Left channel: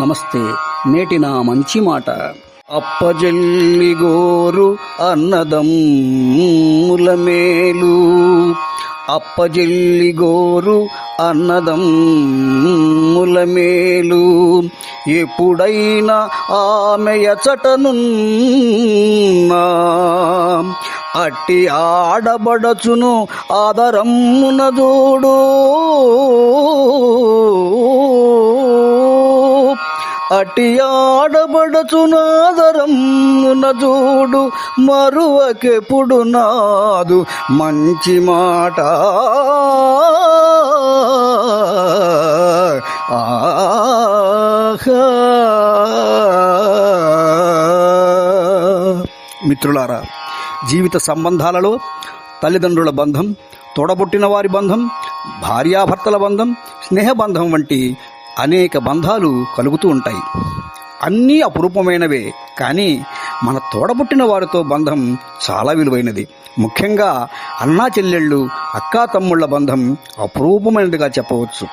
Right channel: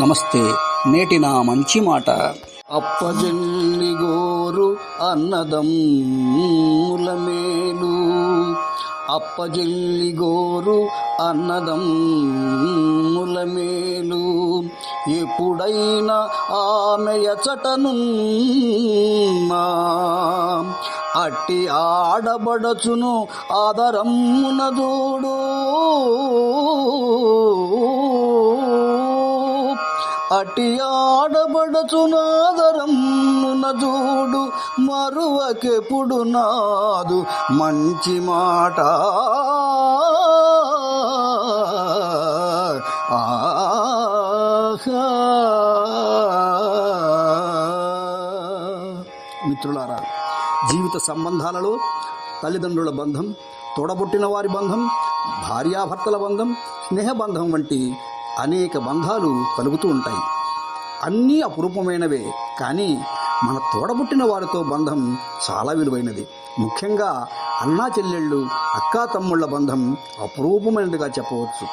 నమస్తే. నేటి నా మంచి మాట. అప్పజెల్లి గోరు అన్నదమ్ముల మేలు, అప్పజెల్లి గోరు అన్నదమ్ముల మేలు, ఎప్పుడైనా ఆమె ఎచటనున్నా అట్టి ఆడబడచును ఆదరమ్మున జోడు, అటి ఆడబడచునాదరమ్మున జోడు, మరువకెప్పుడు నాదు మంచి మాట. మిత్రులారా, జీవిత సంబంధాలలో తల్లిదండ్రుల బంధం, తోడబుట్టిన వారి బంధం, భార్యాభర్తల బంధం, స్నేహబంధం వంటి అనేక బంధాలు కలుగుతూ ఉంటాయి. అన్నీ అపురూపమైనవే, కానీ మన తోడబుట్టిన వారితో బంధం చాలా విలువైనది. ముఖ్యంగా అన్నా చెల్లెళ్ళు, అక్కా తమ్ముళ్ల బంధం అపురూపమైనదిగా చెప్పవచ్చు.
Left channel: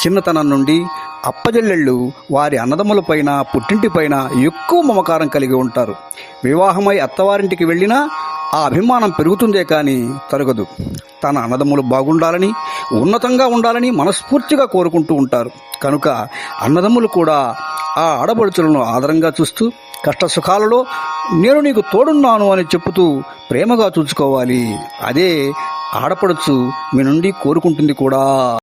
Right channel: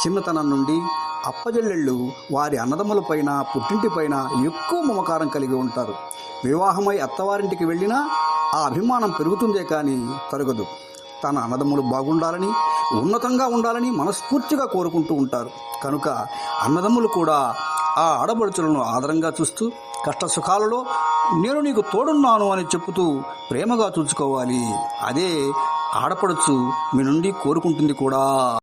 చిన్నతనం నుండి అప్పజెల్లెళ్ళు వారి అన్నదమ్ములపైన, పుట్టింటిపైన ఎక్కువ మమకారం కలిగి ఉంటారు. వివాహమై అత్తవారింటికి వెళ్ళినా ఆ అభిమానం పెరుగుతుందే కానీ తరగదు. తన అన్నదమ్ములు బాగుండాలని, ఉన్నతంగా ఉండాలని మనస్ఫూర్తిగా కోరుకుంటూ ఉంటారు. కనుక అన్నదమ్ములు కూడా ఆ ఆడపడుచులను ఆదరంగా చూస్తూ, కష్ట సుఖాలలో నేను నీకు తోడున్నాను అని చెప్పుతూ ప్రేమగా చూసుకోవాలి. అదే ఆడపడుచు మీ నుండి కోరుకుంటుంది కూడా.